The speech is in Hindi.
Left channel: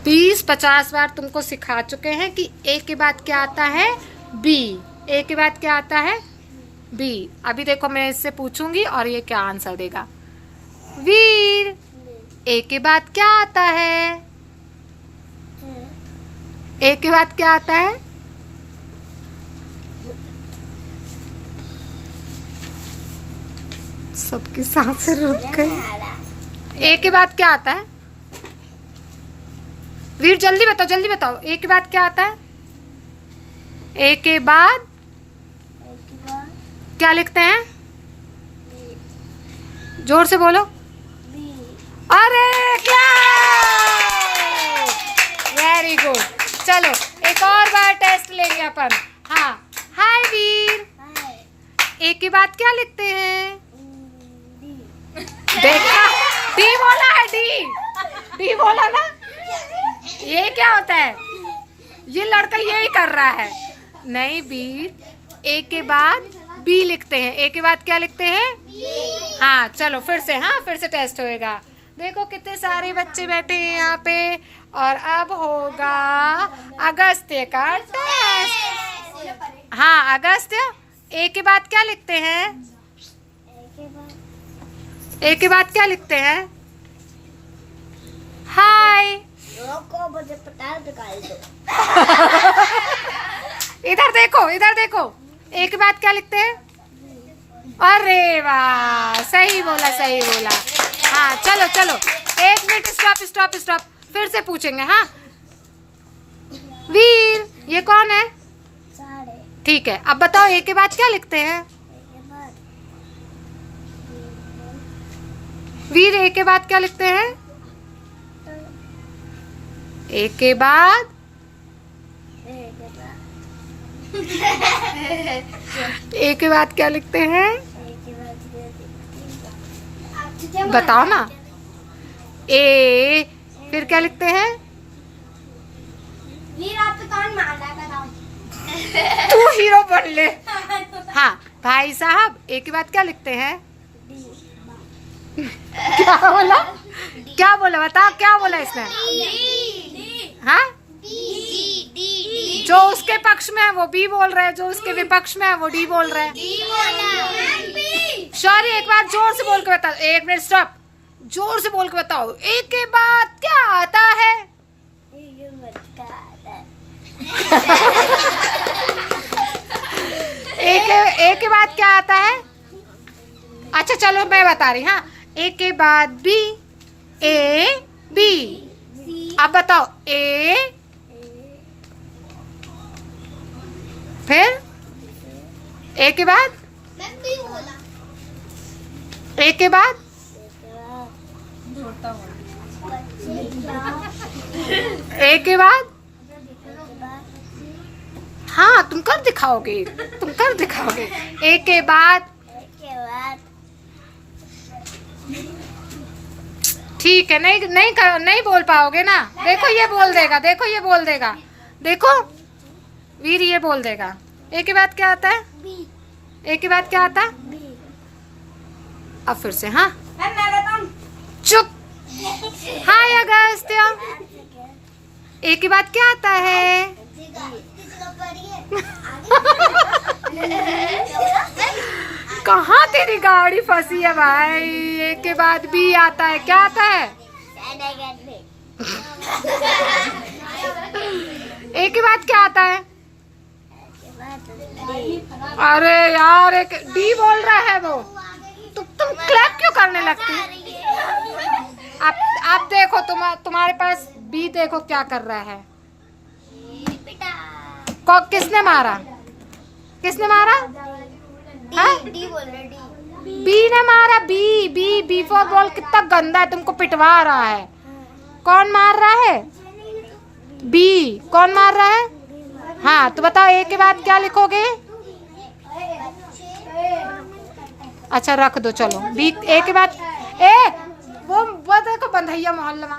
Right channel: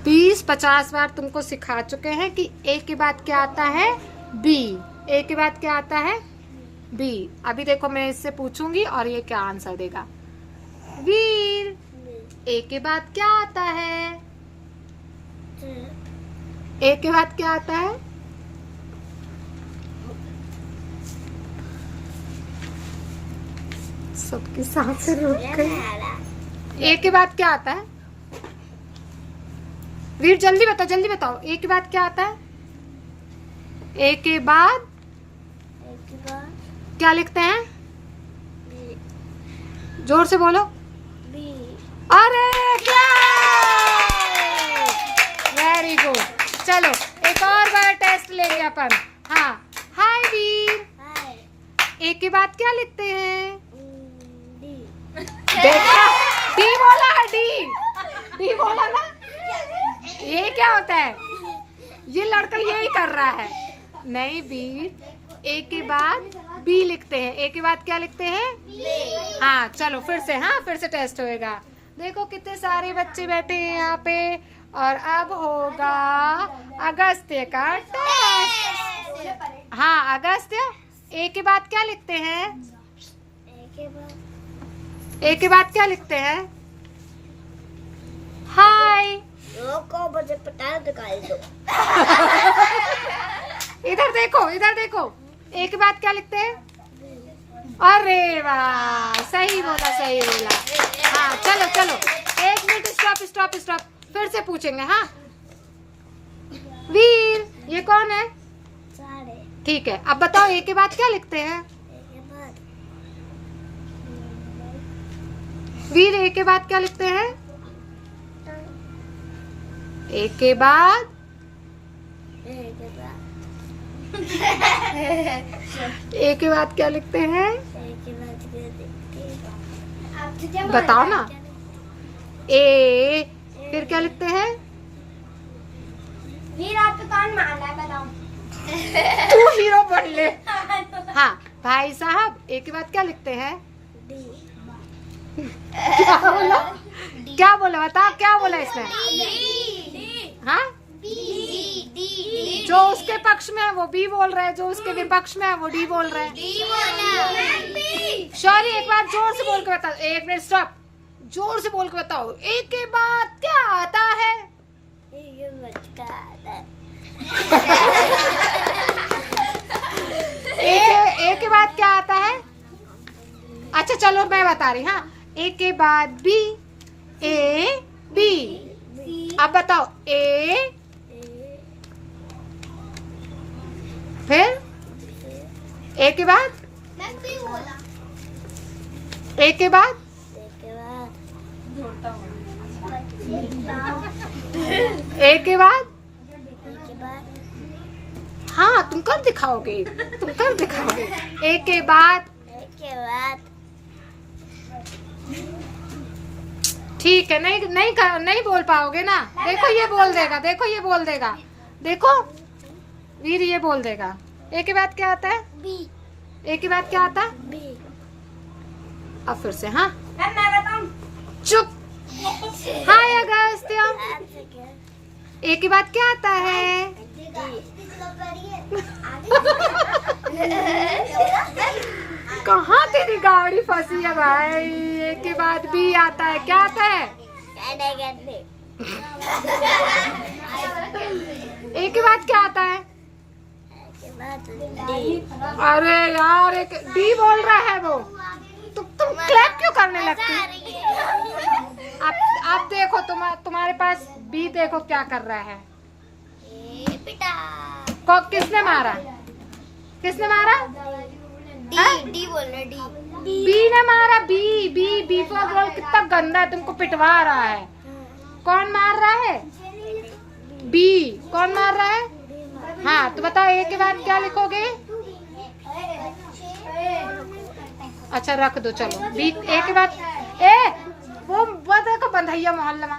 20-50 बार तुमको सिखा चुके हैं कि ए के बाद क्या आता है, बी। ए के बाद क्या आता है, बी। अभी देखो मैं इससे पूछूंगी और ये क्या आंसर देगा। वीर, ए के बाद क्या आता है, ए के बाद क्या आता है, सबकी सांसें रुक गई। ए के बाद क्या आता है, वीर जल्दी बताओ, जल्दी बताओ। ए के बाद क्या आता है, ए के बाद क्या लिखते हैं, जोर से बोलो। अरे क्या, वेरी गुड। चलो एक और बार टेस्ट लेंगे अपन। हाँ, हाय वीर, ए के बाद क्या लिखते हैं, देखा, डी बोला है, डी बोला ना। ये क्या होता है, ये लड़का यही कर रहा है। नहीं वीर, ए के बाद बी लिखते हैं। ए के बाद क्या लिखते हैं, हाँ चलो फिर से, हाँ फिर से टेस्ट होएगा। देखो कितने सारे बच्चे बैठे हैं यहाँ पे, और अब होगा अगस्त्य का टेस्ट। हाँ अगस्त्य, ए के बाद क्या लिखते हैं, ए के बाद क्या लिखते हैं, हाय। मुझे पता दिखाई दो। इधर देखो, इधर देखो, ए के बाद क्या लिखते हैं, अरे वाह, सही बोला, सही बोला। हाँ चलो चलो, 1 मिनट, स्टॉप स्टॉप स्टॉप, फिर से पूछेंगे। हाँ वीर, ये कौन है, ठीक है। अब बताओ ए के बाद क्या लिखते हैं, वीर ए के बाद क्या लिखते हैं, ए के बाद, ए के बाद क्या लिखते हैं, बताओ ना। ए फिर क्या लिखते हैं, वीर आप तो कौन मान रहा है, बताओ। तू हीरो बन ले। हाँ भाई साहब, ए के बाद क्या लिखते हैं, क्या बोला, क्या बोला, बताओ क्या बोला इसने। हाँ, जो उसके पक्ष में है वो बी बोल रहा है, जो उसके विपक्ष में है वो डी बोल रहा है। सॉरी, एक बार जोर से बोल के बताओ। 1 मिनट स्टॉप, जोर से बोल के बताओ, ए के बाद क्या आता है, ए के बाद क्या आता है। अच्छा चलो मैं बता रही। हाँ, ए के बाद बी, ए बी। अब बताओ, ए फिर ए के बाद, ए के बाद, ए के बाद, हाँ तुम कर दिखाओगे, तुम कर दिखाओगे। ए के बाद, ठीक है, नहीं बोल पाओगे ना। देखो ये बोल देगा, देखो ये बोल देगा, देखो वीर ये बोल देगा। ए के बाद क्या आता है, बी। ए के बाद क्या आता है, बी। अब फिर से, हाँ मैं बताऊं, चुप। हाय अगस्त्य, ए के बाद क्या आता है, कहाँ तेरी गाड़ी फंसी है भाई। ए के बाद बी आता है, क्या आता है, ए के बाद क्या आता है, अरे यार एक डी बोल रहा है वो। तुम क्लैप क्यों करने लगती। अब देखो तुम्हारे पास बी, देखो क्या कर रहा है। किसने मारा, किसने मारा, डी बोल रहा, डी। बी ने मारा, B B B for ball. कितना गंदा है, तुमको पिटवा रहा है। कौन मार रहा है, बी। कौन मार रहा है, हाँ तो बताओ ए के बाद क्या लिखोगे। अच्छा रख दो, चलो बी। ए के बाद, ए वो देखो बंधैया मोहल्ला में।